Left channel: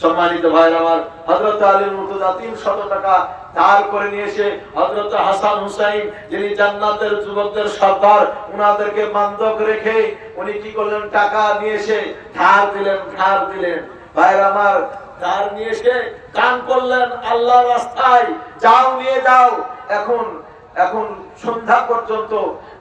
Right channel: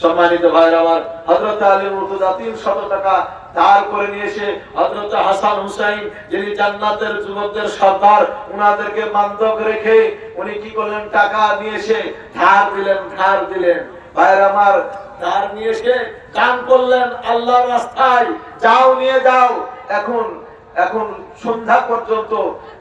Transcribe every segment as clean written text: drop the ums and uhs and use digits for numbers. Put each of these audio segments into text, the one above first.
সম্মানিত ভাইরা আমার, হযরত আলীর মুর্তজা 300 টাকা ধার করে নিয়ে এসে হযরত হাসান হুসাইন, যিনি জান্নাতের যুবকদের সর্দার, উনাদেরকে বান্ধব রেখে উনি কি করলেন, টাকা নিয়ে এসে ধার দিলেন। ভাইরা আমার, ধার নিয়ে এসে দান করলেন আল্লাহর রাস্তায়, যাও নিয়ে যাও। এখন সন্ধ্যা পর্যন্ত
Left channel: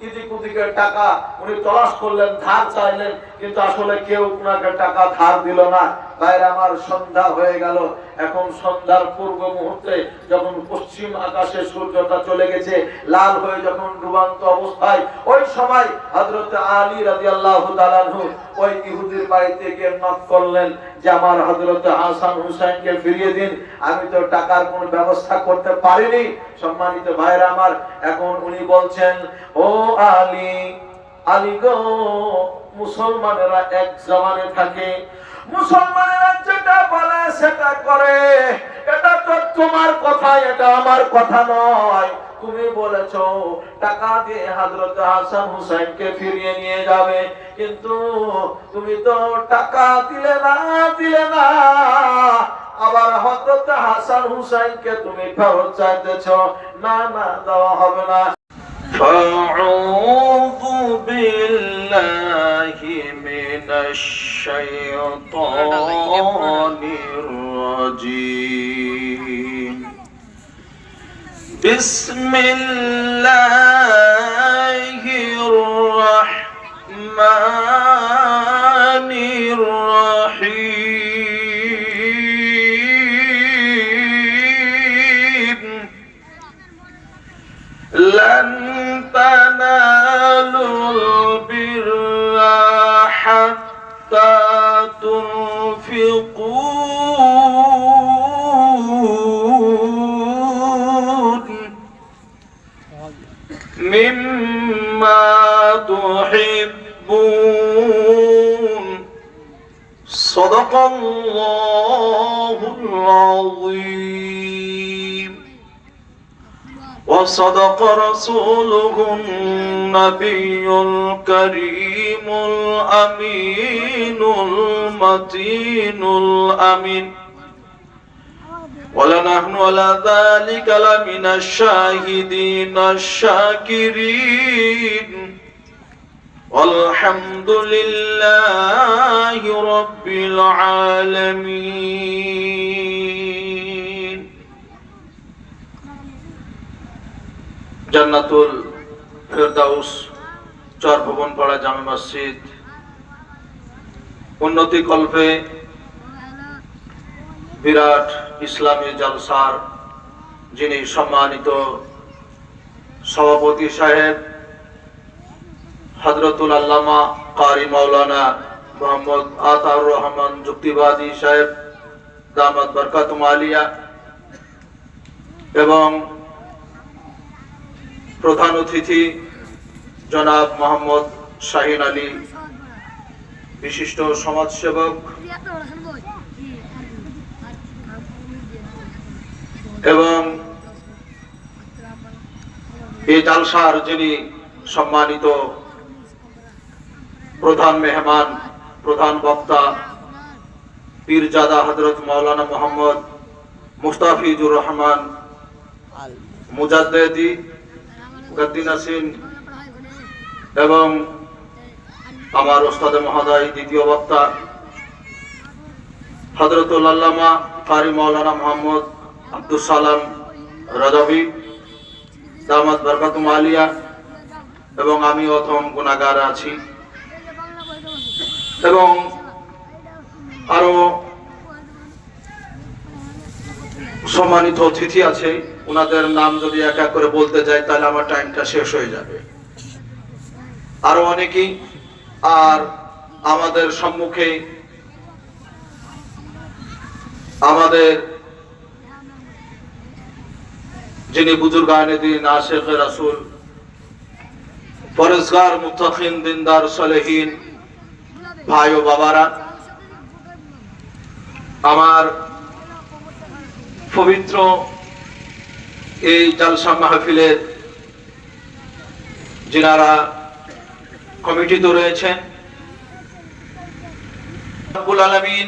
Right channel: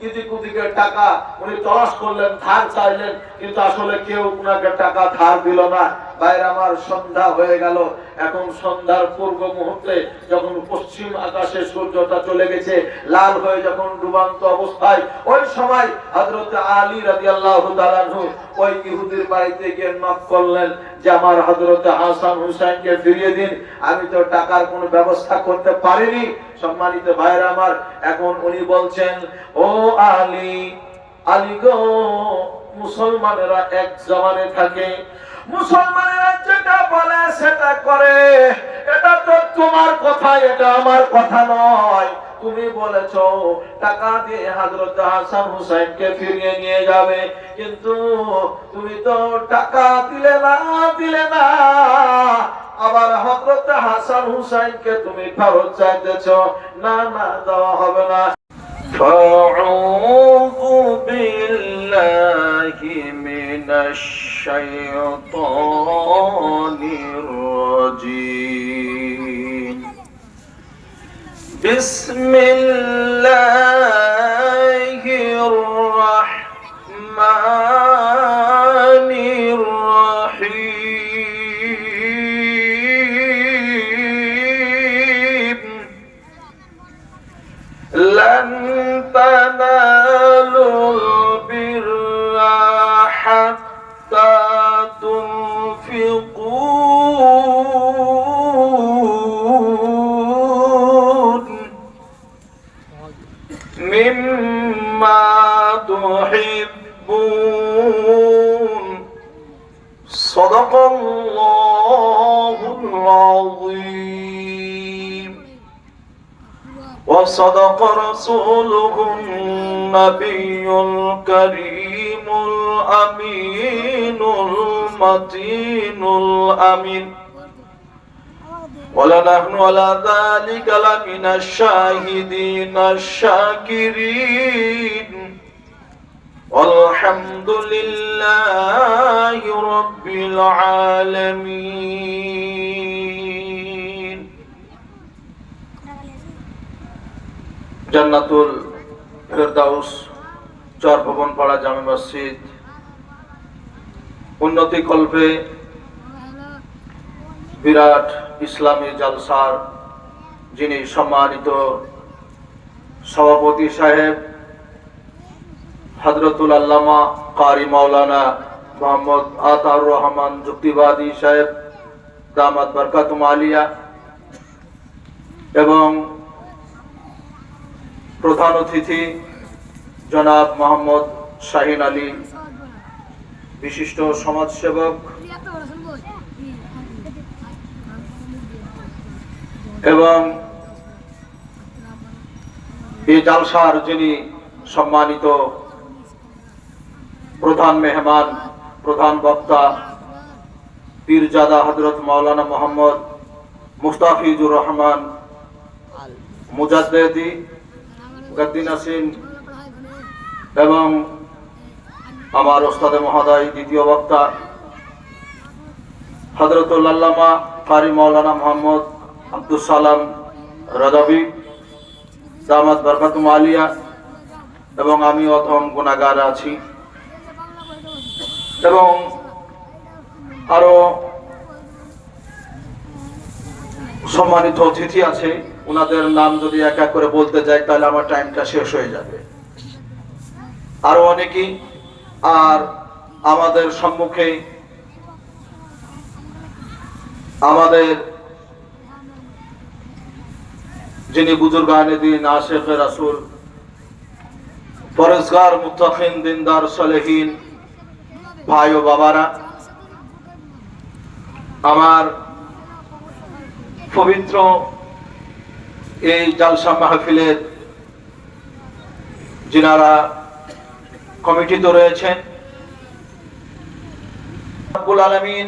ইদিক উদিকের টাকা উনি তলাশ করলেন, ধার চাইলেন, কিন্তু আসলে কেউ উনাকে টাকা ধার দিল না। ভাইরা আমার, সন্ধ্যা হয়ে গেল। এখন সন্ধ্যার পূর্ব মুহূর্তে যখন পশ্চিম আকাশে সূর্যটা চলে গেছে, লাল হয়ে যখন ডুবান্ত অবস্থায়, ওই সময় হযরত আলী রাদিয়াল্লাহু তাআলা আনহু ওই ইহুদির বাড়িতে গিয়ে নক করলেন যে আমার হযরত হাসান হুসাইনকে ফিরিয়ে দিন, আমি তো টাকার কোনো ব্যবস্থা করতে পারিনি। সম্মানিত ভাইরা আমার, এখন উনি বলছেন, ও আলী গো, মুসলমানেরা এক জবানে থাকে, মুসলমানেরা যেটা বলে সেটা করে, এটা তো তোমার কথা, এটা আমার কথা নয়। তুমি বলেছো টাকা দিয়ে হযরত হাসান হুসাইনকে ফিরিয়ে নিয়ে যাবে, কিন্তু তুমি তো টাকা দিলে না, আবার হযরত হাসান হুসাইনকে তুমি ফেরত চাইতেছো। না, দেওয়া হবে না। আউযু বিল্লাহি মিনাশ শাইতানির রাজীম। বিসমিল্লাহির রাহমানির রাহিম। লান তানালুল বিররা হাত্তা তুনফিকু মিম্মা তুহিব্বুন। সাদাকাল্লাহুল আযীম। وصدق رسوله النبي الكريم الأمين المتين الأمين. ولنحن على ذلك لمن الشاهدين الشاكرين. والحمد لله رب العالمين. জান্নাতুল ফেরদাউস চরভবন পাড়া জামে মসজিদ উন্নতি কল্পে বিরাট ইসলামী জালসার যিনি সম্মানিত সভাপতি সাহেব হযরতুল আল্লামা কারি মাওলানা মোহাম্মদ আতাউর রহমান যুক্তিবাদী সাহেব দামাত বরকাতুম আলিয়া, এবং প্রধান অতিথি জনাব মোহাম্মদ শাহিন আলী, বিশিষ্ট সমাজসেবক, এবং এই জালসার যিনি সম্মানিত প্রধান মেহমান, প্রধান বক্তা পীরজাদা হযরত মাওলানা মোহাম্মদ মুস্তাফিজুর রহমান মুজাদ্দেদি গদ্দি নাসিন, এবং আমার ওস্তাদ মহোদয় দ্বিতীয় বক্তা হযরতুল আল্লামা কারি মাওলানা মোহাম্মদ আব্দুস সালাম রাজাবি দামাত বরকাতুম আলিয়া, এবং আমি অথম গুনাহগার আছি, এবং আরো সম্মানিত অতিথি আছে। ওনাদের নাম যদি এক এক করে বলতে যাই তাহলে আমার টাইমটা শেষ হয়ে যাবে। আরো অনেকেই, আর আমাদের সম্মুখে আমাদের যিনি বুজুর্গানে দিন, আশিক রাসূল, পরেজগার, মুত্তাকিন, দিনদার, সালেহীন ভাই ও বাবারা, আমার পবিত্র এই জালসা মাহফিলের যিনারা কমিটিতে রয়েছেন, রব্বুল আলামিন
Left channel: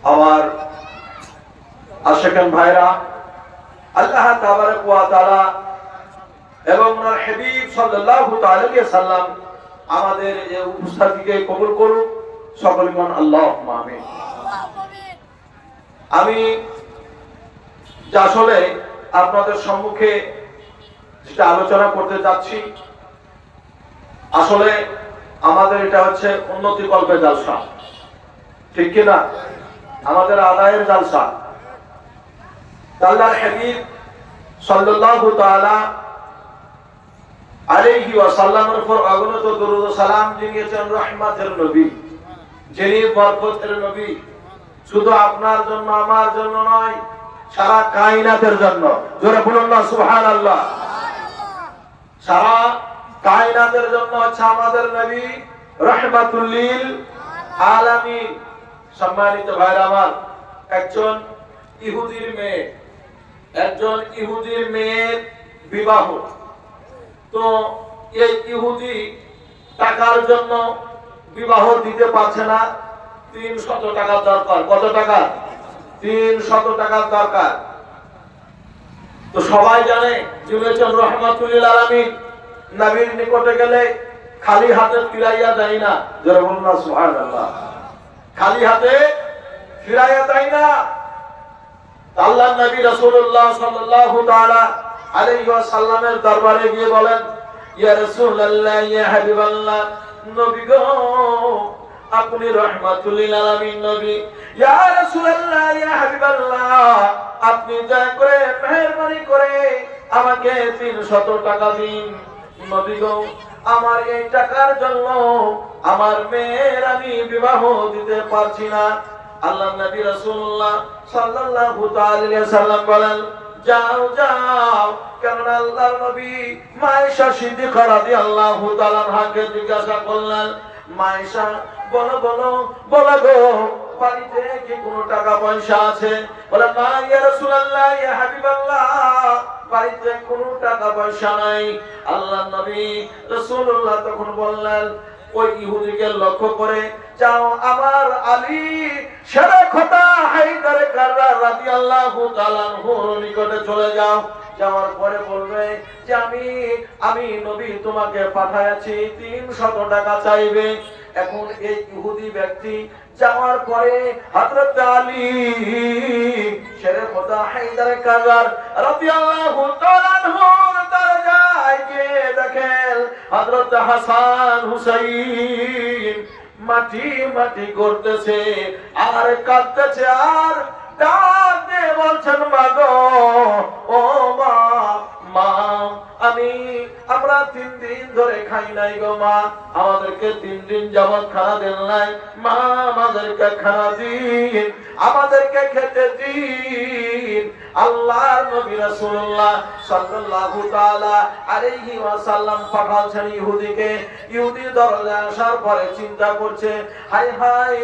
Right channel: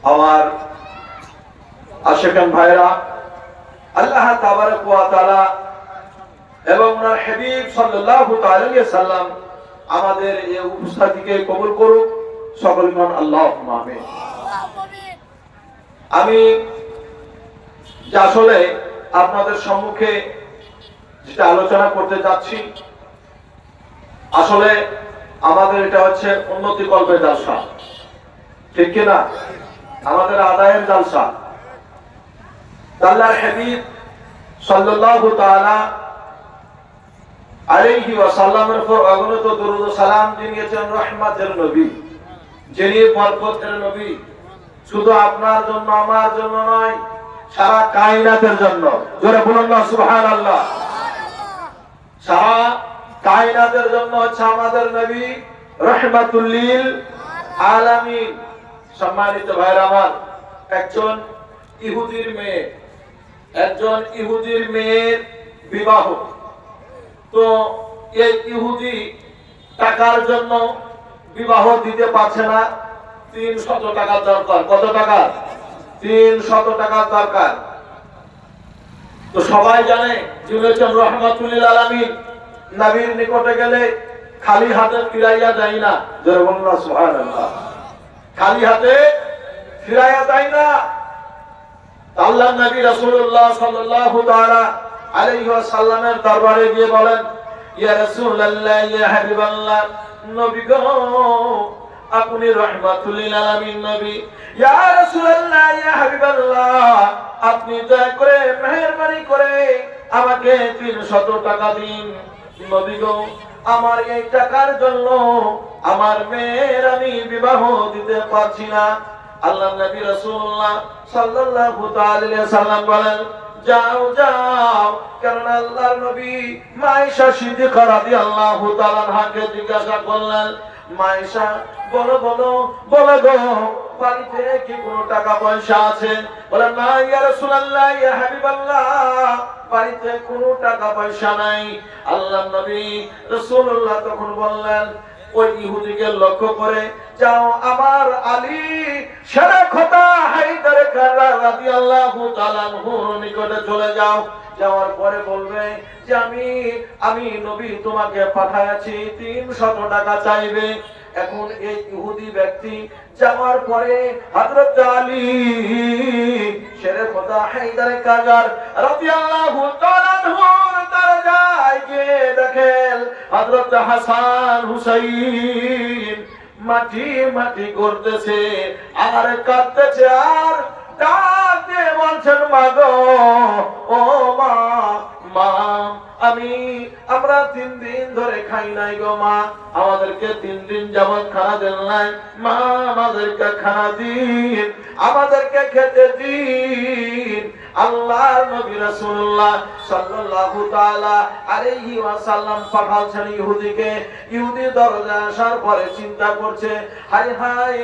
আমার আশিকান ভাইরা, আল্লাহ তাবারক ওয়া তাআলা এবং ওনার হাবিব সাল্লাল্লাহু আলাইহি ওয়াসাল্লাম আমাদের এই উপস্থিতিকে কবুল করুক। সকল মান আল্লাহুম্মা আমিন। আমি আসলে আপনাদের সম্মুখে যেটা আলোচনা করতে যাচ্ছি, আসলে আমাদের এটা হচ্ছে উন্নতি কল্পের জালসা, ঠিক কিনা? আমাদের আদায়ের জালসা। আল্লাহর হাবিব সাল্লাল্লাহু তাআলা আলাইহি ওয়াসাল্লামের উপর অগণিত দরুদ ও সালাম জানিয়েছেন, রহমতের নবী, যিনি বরকতের নবী, শুধু আপনার জন্য আমার জন্য নয়, সারা কায়নাতের জন্য। জোরে বলুন না সুবহানাল্লাহ। সারা কায়নাতের জন্য হচ্ছে আমাদের নবী রহমাতুল লিল আলামিন। সম্মানিত ভাইরা আমার, একজন ইহুদির মেয়ের বিবাহ। তো এই ইহুদি টাকার জন্য বিবাহ দিতে পারছে না, 300 টাকা দরকার। কত টাকা? 300 টাকা দরকার। তো সবাই জানে যিনি হচ্ছেন রহমাতুল লিল আলামিন, নবীর নিকটে গেলে খালি হাতে ফিরাইয়া যায় না। জোরে বলুন না সুবহানাল্লাহ। খালি হাতে ফিরাইয়া যায় না। আল্লাহর নবী রাসূলুল্লাহ সাল্লাল্লাহু তাআলা আলাইহি ওয়াসাল্লামের দরবারে গিয়ে বলেন, ইয়া রাসূলুল্লাহ, ইয়া হাবিবাল্লাহ, নবী গো, আপনি রহমাতুল লিল আলামিন নবী। ইয়া রাসূলুল্লাহ, ইয়া হাবিবাল্লাহ, আপনি দয়া করে মেহেরবানি করে আমাকে 300 টাকা দিন। নবী গো, আমার এই টাকার জন্য আমার মেয়ের আমি বিবাহ দিতে পারছি না। আল্লাহ নবী রাসূলুল্লাহ সাল্লাল্লাহু আলাইহি ওয়াসাল্লাম বলেন, যাও যাও। কেননা আল্লাহর নবী মায়েশা সিদ্দিকা রাদিয়াল্লাহু তাআলা আনহাকে জিজ্ঞাসা করলেন, মায়েশা, বলো বলো বলো গো, বাড়িতে কি কোনো টাকা পয়সা আছে? বলে, না ইয়া রাসূলুল্লাহ, ইয়া হাবিবাল্লাহ, বাড়িতে কোনো টাকা পয়সা নাই। আল্লাহর নবী রাসূলুল্লাহ তখন বললেন, ওই ইহুদিকে লক্ষ্য করে, যাও আমার আলী সেরা খোদা হায়দার কাররার রাদিয়াল্লাহু তাআলা আনহুর নিকটে চলে যাও। যাওয়ার পরে বলবে যে আমি নবী তোমাকে পাঠাইছি, 300 টাকা চাইবে। এখন এই ইহুদি ব্যক্তি যাওয়ার পরে হযরত আলী সেরা খোদা হায়দার কাররার রাদিয়াল্লাহু তাআলা আনহুর দরজায় গিয়ে দেখেন হযরত হাসান হুসাইন মাটি মাটি করতেছে আর কাঁদতেছে, আর ডাক দিয়ে বলছেন, মা গো, ও মা, মা, আমরা 3 দিন ধরে খাই নাই গো মা, আমাদেরকে 3 দিন যাবত খানা দেন নাই। মা, আমাদেরকে খানা দিন, আমাদেরকে খেতে দিন। আল্লাহর নবী রাসূলুল্লাহ সাল্লাল্লাহু তাআলা আলাইহি ওয়াসাল্লাম পাঠাচ্ছেন ইহুদিকে। ইহুদি দরজায় আসার পরে চিন্তা করছে, হাই হাই,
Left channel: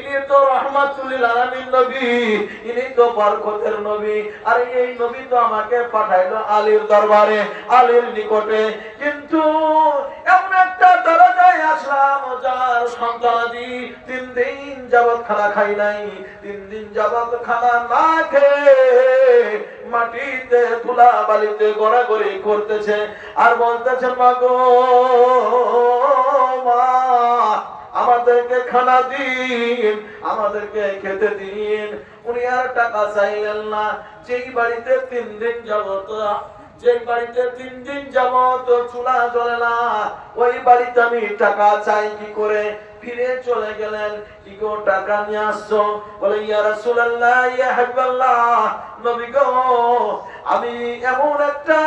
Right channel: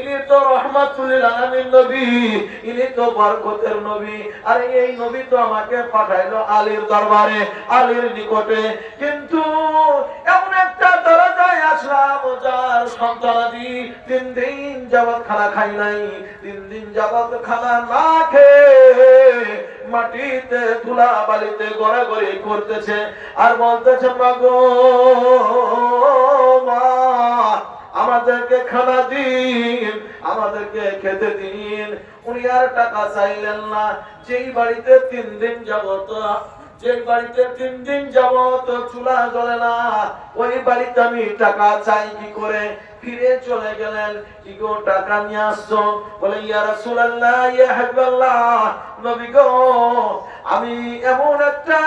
ইনি তো রহমাতুল লিল আলামিন নবী, ইনি তো বরকতের নবী, আর এই নবী তো আমাকে পাঠাইলো আলীর দরবারে, আলীর নিকটে, কিন্তু এমন একটা দরজায় আসলাম যার সন্তানাদি 3 দিন যাবত খানা খাই নাই, 3 দিন যাবত খানা না খেয়ে মাটিতে ধুলা বালিতে গড়াগড়ি করতেছে আর বলতেছে, মা গো, মা, আমাদেরকে খানা দিন, আমাদেরকে খেতে দিন। উনি আর টাকা চাইলেন না। যেই বাড়িতে 3 দিন যাবত চুলা জ্বলে না, ওই বাড়িতে আমি টাকা চাই কি করে? ফিরে চলে গেলেন। কি গো, টাকা নিয়ে আসছো? বলে, ইয়া রাসূলুল্লাহ, ইয়া হাবিবাল্লাহ, নবী গো, আমি এমন একটা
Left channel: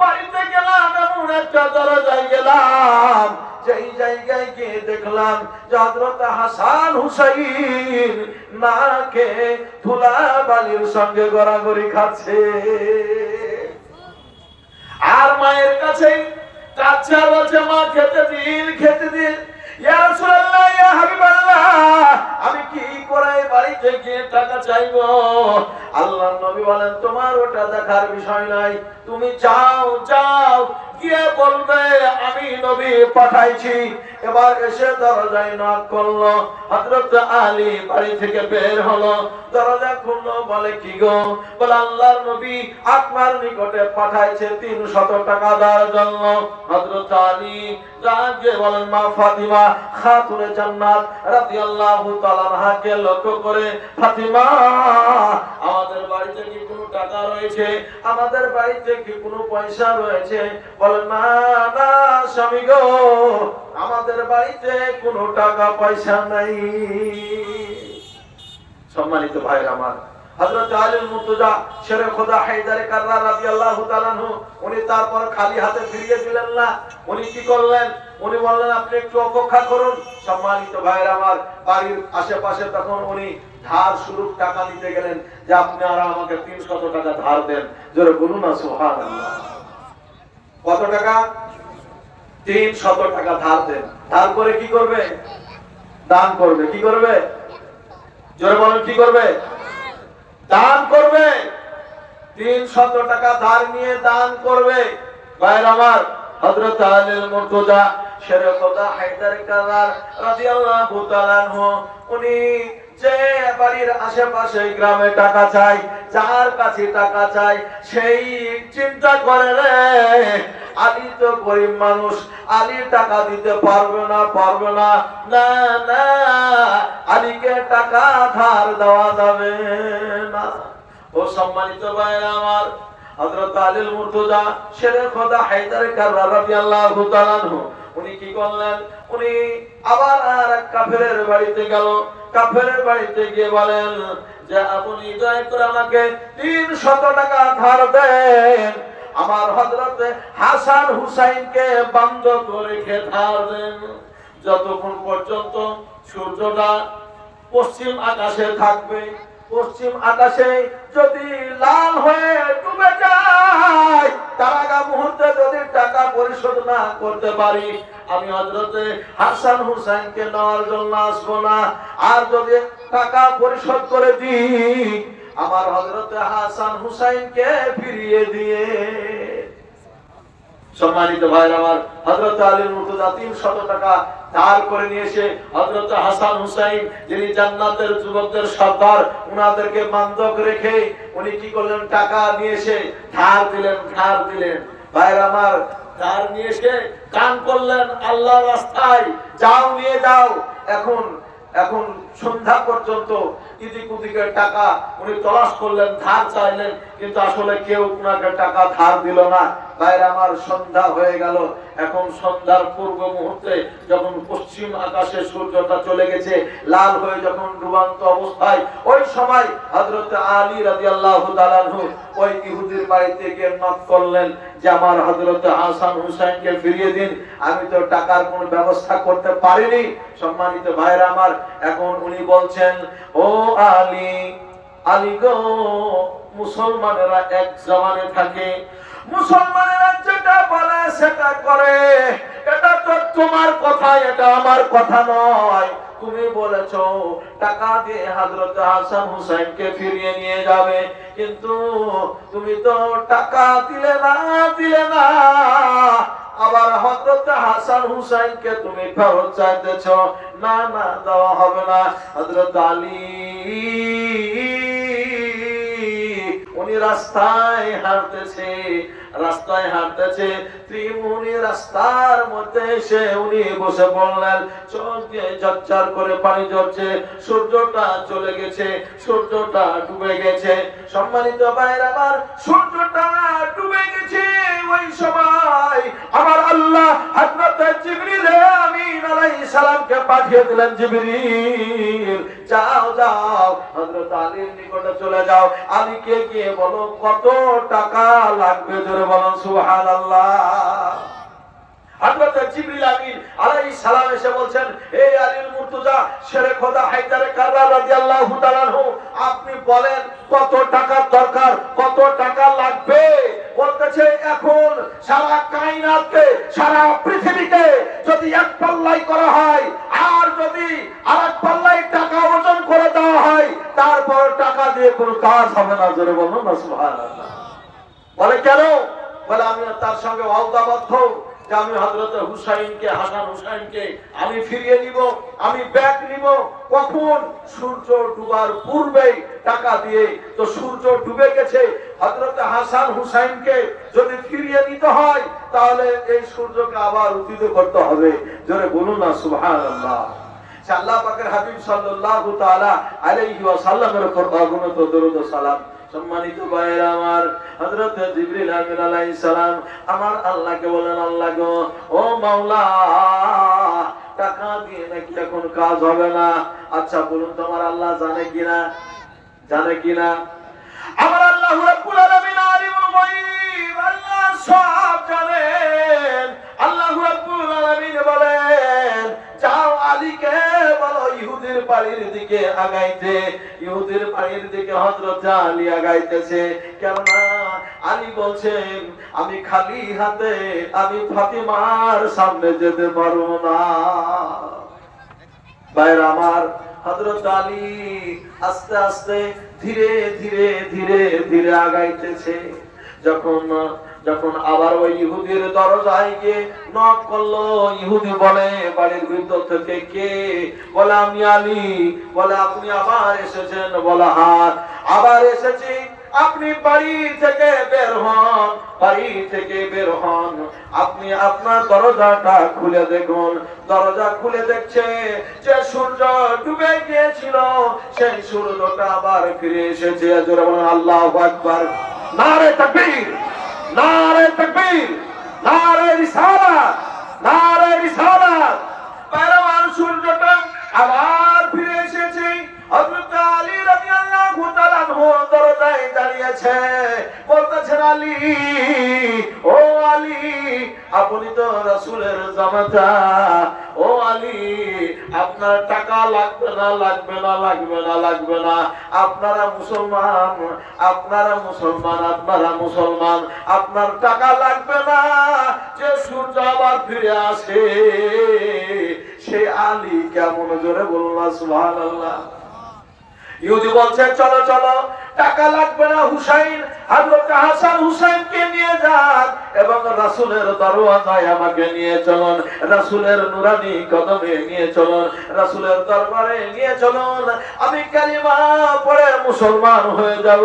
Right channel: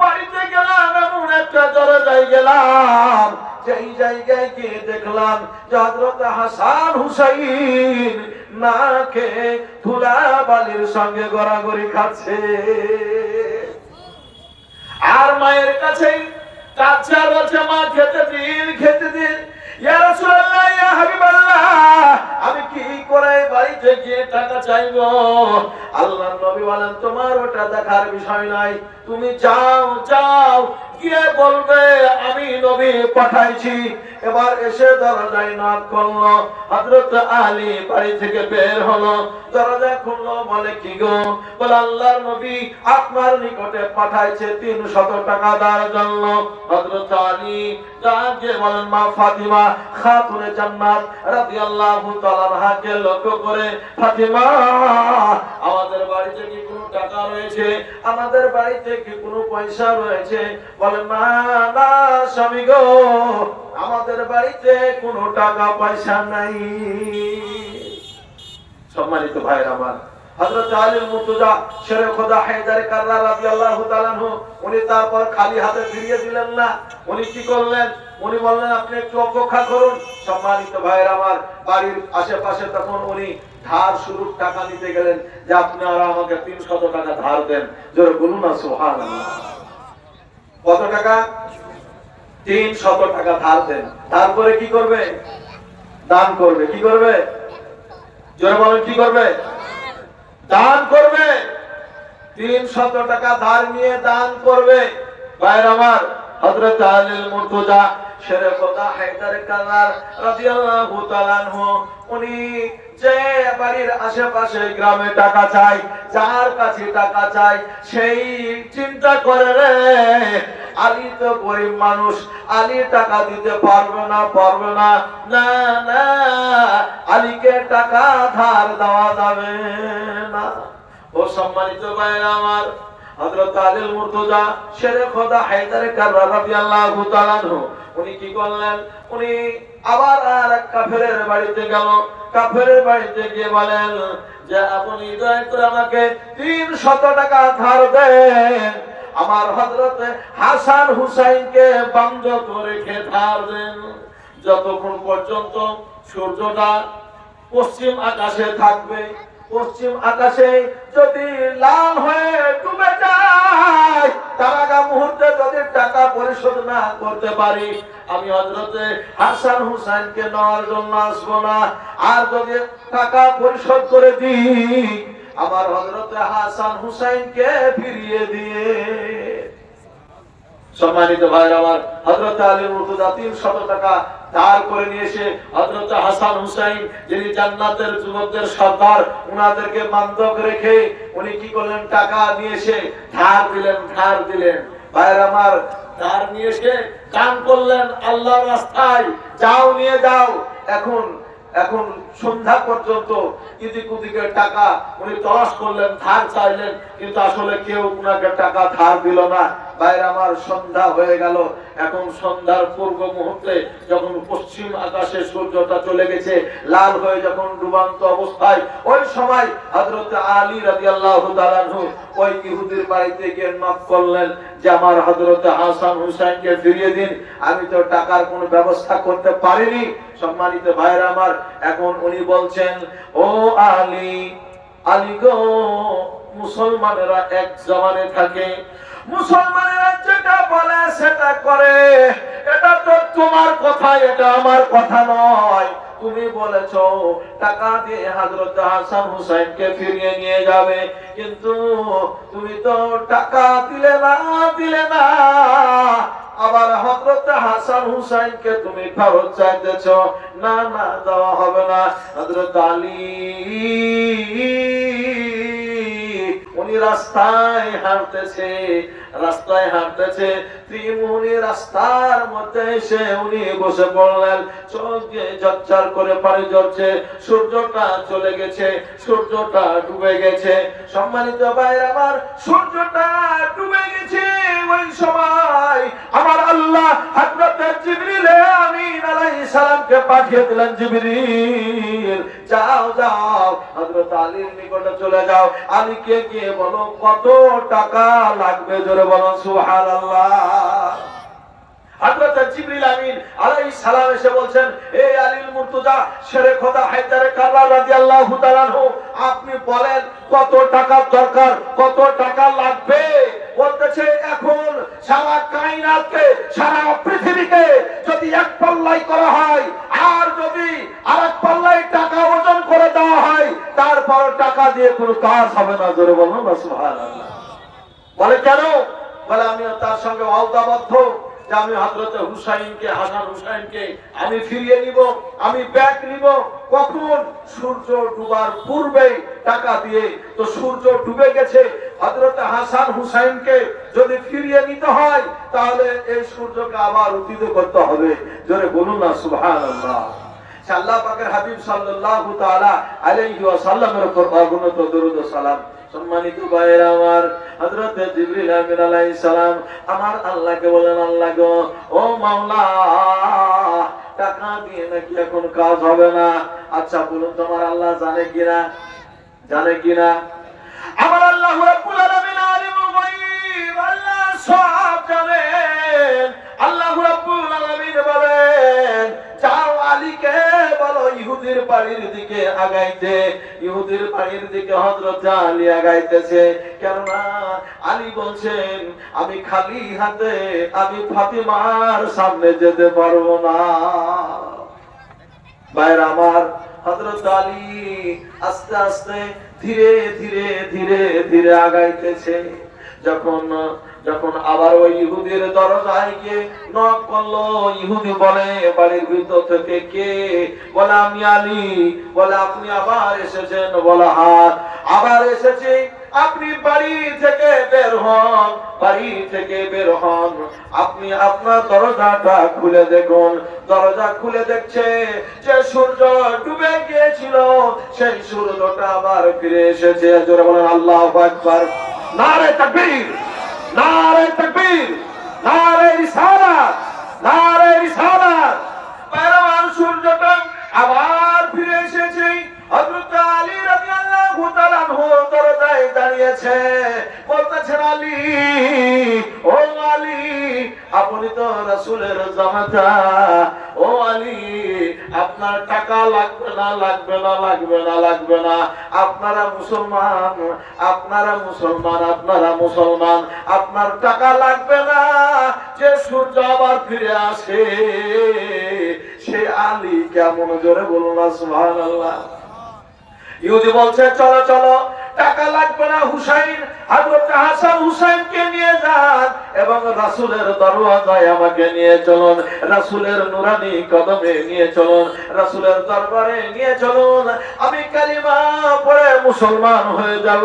বাড়িতে গেলাম, এমন একটা দরজায় গেলাম, যেই জায়গায় গিয়ে দেখলাম যে হযরত হাসান হুসাইন না খেয়ে ধুলা বালির সঙ্গে গড়াগড়ি খাচ্ছে। আর মায়ের কাছে কাচ্চা বলছে, মা, খেতে দিন, খেতে দিন। ইয়া রাসূলুল্লাহ, ইয়া হাবিবাল্লাহ, আমি কি করে বাড়িতে গিয়ে টাকা চাইবো? আল্লাহর নবী বলেন, তোমার ওটা দেখার বিষয় নাই, তুমি যাও যাও, গিয়ে বলবে আমি নবী পাঠাইছি। এবার এসে দরজায় নক করলো, হযরত আলী বাড়ি থেকে বের হলো, দরজা খুললো, বলে কি গো? বলে আল্লাহর নবী আপনার নিকটে পাঠাইছে 300 টাকা দেওয়ার জন্য। হযরত আলী রাগে বলেন মা ফাতিমা খাতুনে জান্নাত রাদিয়াল্লাহু তাআলা আনহাকে লক্ষ্য করে, ফাতিমা আমাদের বাড়িতে কি কোনো টাকা রয়েছে? আমাদের বাড়িতে কি কোনো পয়সা রয়েছে? বলে না না স্বামী গো, আমাদের বাড়িতে কোনো টাকা পয়সা নাই। সম্মানিত ভাইরা আমার, হযরত আলী মুর্তজা শেরে খোদা হায়দার কাররা রাদিয়াল্লাহু তাআলা আনহু উনি তারপর খালি হাতে ফিরিয়ে দিলেন না। উনি কি করলেন? উনি বললেন আপনি একটু অপেক্ষা করুন। সম্মানিত ভাইরা আমার, বাড়ির আশেপাশে তখন উনি ধার শুরুর টাকা নিতে গেলেন, যে আপনারা আমাকে 300 টাকা ধার দেন। জোরে বলুন না সুবহানাল্লাহ। কত টাকা? 300 টাকা ধার দেন। তারপরে কি করবে? দান করবে। কি করবে? জোরে বলেন কি করবে? দান করবে। 300 টাকা ধার নিয়ে দান করবে। ভাইরা আমার, হযরত আলী মুর্তজা শেরে খোদা হায়দার কাররার রাদিয়াল্লাহু তাআলা আনহু উনি যে বাড়ির আশেপাশে গ্রামে টাকা চাই, যার কাছে টাকা চাই, সেই চিন্তা করে রে আলী তো গরিব মানুষ, আলী টাকা দিতে পারবে না, পারবে না, না না আলীকে টাকা ধার দেওয়া যাবে না। ও সম্মানিত ভাইরা আমার, হযরত আলী মুর্তজা শেরে খোদা হায়দার কাররা রাদিয়াল্লাহু তাআলা আনহু উনি কি করলেন? উনি আবার আর এক কাফেরের বাড়িতে গেল। কাফেরের বাড়িতে গিয়ে বলেন যে আপনি দয়া করে আমাকে 300 টাকা ধার দেন, আমার হযরত হাসান হুসাইনকে বন্ধক রেখে ধার দেন। যতক্ষণ পর্যন্ত সূর্যটা পশ্চিম আকাশে থাকবে, পশ্চিম আকাশে যদি লাল হয়ে ডুবে যায়, তার আগা মুহূর্তে যদি টাকা পরিশোধ না করতে পারি, আমি হযরতে হাসান হুসাইনকে নেওয়ার জন্য আসবো না। আর যদি টাকা পরিশোধ করে দিই, আমার হযরতে হাসান হুসাইনকে ফিরিয়ে দিয়ে। সম্মানিত ভাইরা আমার, হযরত আলী মুর্তজা 300 টাকা ধার করে নিয়ে এসে হযরত হাসান হুসাইন, যিনি জান্নাতের যুবকদের সর্দার, উনাদেরকে বন্ধক রেখে উনি কি করলেন? টাকা নিয়ে এসে ধার দিলেন, ধার দিলেন। ভাইরা আমার, ধার নিয়ে এসে দান করলেন আল্লাহর রাস্তায়। যাও নিয়ে যাও। এখন এখন সন্ধ্যা পর্যন্ত ইদিক উদিকের টাকা উনি তলাশ করলেন, ধার চাইলেন, কিন্তু আসলে কেউ উনাকে টাকা ধার দিল না। ভাইরা আমার, সন্ধ্যা হয়ে গেল। এখন সন্ধ্যার পূর্ব মুহূর্তে যখন পশ্চিম আকাশে সূর্যটা চলে গেছে, লাল হয়ে যখন ডুবান্ত অবস্থায়, ওই সময় হযরত আলী রাদিয়াল্লাহু তাআলা আনহু ওই ইহুদির বাড়িতে গিয়ে নক করলেন যে আমার হযরত হাসান হুসাইনকে ফিরিয়ে দিন, আমি তো টাকার কোনো ব্যবস্থা করতে পারিনি। সম্মানিত ভাইরা আমার, এখন উনি বলছেন ও আলী, আলী গো, মুসলমানেরা এক জমানে থাকে, মুসলমানেরা যেটা বলে সেটা করে, এটা তো তোমার কথা, এটা আমার কথা নয়। তুমি বলেছো টাকা দিয়ে হযরত হাসান হুসাইনকে ফিরিয়ে নিয়ে যাবে, কিন্তু তুমি তো টাকা দিলে না, আবার হযরত হাসান হুসাইনকে তুমি ফেরত চাইতেছো। না না, দেওয়া হবে না। হযরত আলী উনি রাস্তায় হাঁটতেছে, রাস্তায় হাঁটতেছে, উনি রাস্তার মধ্যে এসে উনি বসে পড়লেন। চোখ দিয়ে ঝরঝর করে পানি ঝরছে, সূর্যটা চলে গেছে, সূর্যটা ডুবে গেছে। সম্মানিত ভাইরা আমার, সূর্যটা ডুবে গেছে। ওই সময় আমার আল্লাহ হযরত জিবরিল আমিন আলাইহিস সালামকে পাঠিয়ে দিলেন, জিবরিল যাও যাও হযরত আলীর নিকটে চলে যাও, আলীকে গিয়ে বলো কত টাকা লাগবে। জোরে বলুন সুবহানাল্লাহ। হযরত জিবরিল আমিন আলাইহিস সালাম এসে বলছেন, হে আলী মুর্তজা শেরে খোদা হায়দার কাররার রাদিয়াল্লাহু তাআলা আনহু, আপনি বলেন কত টাকা দরকার, কত টাকা লাগবে। বলতেছে এখন সারা কায়নাতকে, সারা পৃথিবীকে যদি এক পাল্লাই করা হয়, আর যদি আরেক পাল্লাই টাকা ওজন করে দেওয়া হয়, তারপর টাকা দিয়ে কোনো কাজ হবে না। জোরে বলুন না সুবহানাল্লাহ। বলে কেন? বলে আমি তার সঙ্গে ওয়াদাবদ্ধ যে আমি হযরত হুসাইনকে, হাসান হুসাইনকে আমি ফিরিয়ে নিব, আমি ব্যাক নিব। কখন? সূর্য ডুবার পূর্বেই টাকা দিয়ে। তো সূর্য ডুবে গেছে, হযরত হাসান হুসাইনকে যদি ফিরিয়ে নিতে হয় তাহলে এই সূর্যকে আবার উদিত করতে হবে। জোরে বলুন না সুবহানাল্লাহ। আল্লাহ পাকের হাবিব সাল্লাল্লাহু তাআলা আলাইহি ওয়াসাল্লামের উপর অগণিত দরুদ ও সালাম। সম্মানিত ভাইরা আমার, হযরত জিবরিল আমিন আলাইহিস সালাম আমার আল্লাহকে বলেন, আল্লাহ গো, ও মাওলা, টাকা দিয়ে নাকি এখন কাজ হবে না। আচ্ছা বলুন তো আমার আল্লাহ জানে কিনা? জানে কিনা? আমার আল্লাহ রাব্বুল আলামিন আলিমুল গায়ব, আল্লাহ সব জানেন। আল্লাহ রাব্বুল আলামিন বলেন, যাও আলীকে বলো ইহুদির বাড়ির দিকে আগাইতে। ইহুদির বাড়ির দিকে হযরত আলী আগাইতেছে। কেননা আলী বলছেন, আমি খালি হাতে আমি ফাতিমার সামনে যেতে পারবো না। ভাইরা আমার, হযরত আলী আস্তে আস্তে ধীরে ধীরে ধীরে ধীরে আগাইতেছে। যখন আবার ওই ইহুদির দরজায় গিয়ে নক করলো, ইহুদি বলে বাড়ির ভিতর থেকে কে? বলে আমি আলী। বলে আপনি আবার এসেছেন? বলে হ্যাঁ আবার এসেছি। আপনি বাড়ি থেকে বের হন, বাড়ি থেকে বের হন। আপনি আপনার দরজাটা খুলে দেখুন। দরজা খুলে দেখছে যে সূর্য ডুবে গিয়েছিল সেই সূর্যটা আবার ফিরে এসেছে। জোরে বলেন আল্লাহু আকবার। নারে তাকবীর, নারে তাকবীর, নারে রিসালাত, নারে রিসালাত। পরমাণ সূর্যটা আবার ফিরে এসেছে। হযরত আলী রাদিয়াল্লাহু তাআলা দরজায় দাঁড়িয়েছে, বলতেছেন আলী, ও আলী, আপনি তো রাসূলের জামাতা। ও আলী, আপনার টাকা লাগবে না, লাগবে না, লাগবে না, লাগবে না। আপনারা মুসলমান, আপনারা মুসলমান, আপনারা মুসলমান, আপনার টাকা লাগবে না। যে সূর্য আবার ফিরে আসে সে আলী কেমন? জোরে বলুন সুবহানাল্লাহ। ইহুদি বলছে, চলো চলো, টাকা লাগবে না, হুসাইন, হযরত হাসান হুসাইনকে নিয়ে যান এবং রাসূলের দরওয়াজায় আমাকে নিয়ে চলুন, রাসূলের নুরানি কদমে নিয়ে চলুন, রাসূলের দরবারে নিয়ে চলুন। আমি কালিমা পড়ে মুসলমান হয়ে যাব।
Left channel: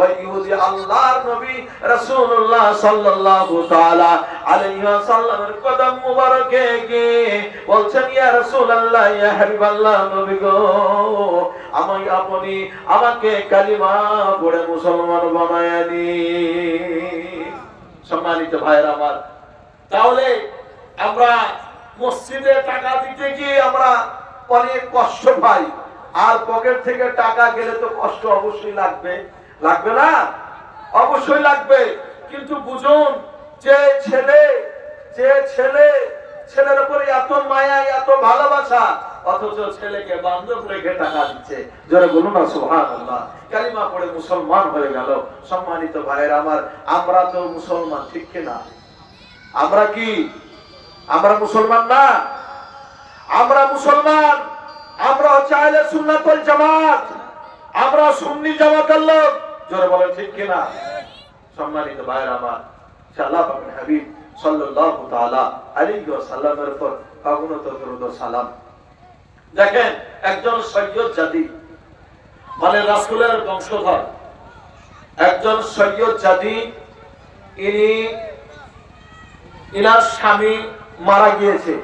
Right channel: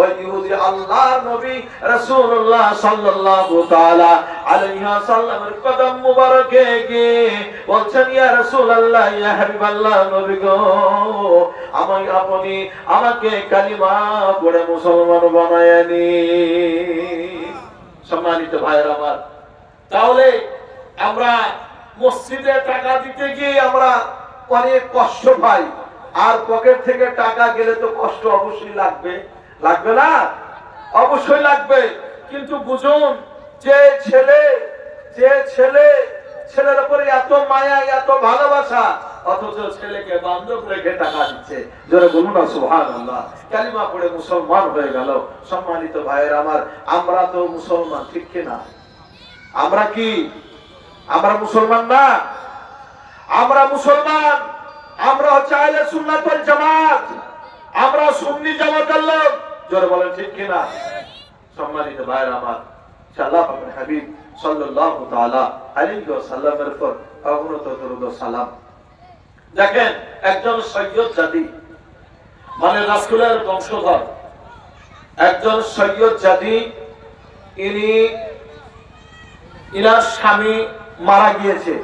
ওই ইহুদি আল্লাহর নবী রাসূলুল্লাহ সাল্লাল্লাহু তাআলা আলাইহি ওয়াসাল্লামের কদম মুবারকে গিয়ে বলছেন, ইয়া রাসূলুল্লাহ, ইয়া হাবিবাল্লাহ, নবী গো, আপনি আমাকে কালিমা পড়ে মুসলমান বানায় নিন। সম্মানিত ভাইরা আমার, তাহলে আমরা মসজিদে টাকা দিতে গিয়ে আমরা অনেক কষ্ট পাই। আর পকেট থেকে টাকা গেলে তো কষ্ট অবশ্যই লাগবে, লাগবে না? অবশ্যই লাগবে। কিন্তু বুঝুন, যে ছেলের উপরে এত মায়া, এত ভালোবাসা, অথচ ছেলেকে বান্ধব রেখে টাকা দিচ্ছে। জোরে বলুন না সুবহানাল্লাহ। কালিমা পড়ে মুসলমান হয়ে গেল। সম্মানিত ভাইরা আমার, আমরা তো মুসলমান, ঠিক কিনা? আমরা কি? আমরা মুসলমান না? আমরা মুসলমান। আমরা হচ্ছে আহলে সুন্নাত ওয়াল জামাত। আমরা সুন্নি জামাতের লোক। জোরে বলেন ঠিক কিনা? সম্মানিত ভাইরা আমার, আল্লাহ পাকের হাবিব সাল্লাল্লাহু তাআলা আলাইহি ওয়াসাল্লামের উপর অগণিত দরুদ ও সালাম। দেখেন, একজন সৈয়দ জাতি, মানে রাসূলের বংশধর, একজন সৈয়দ জাতি, ইনার স্বামী মারা গিয়েছে।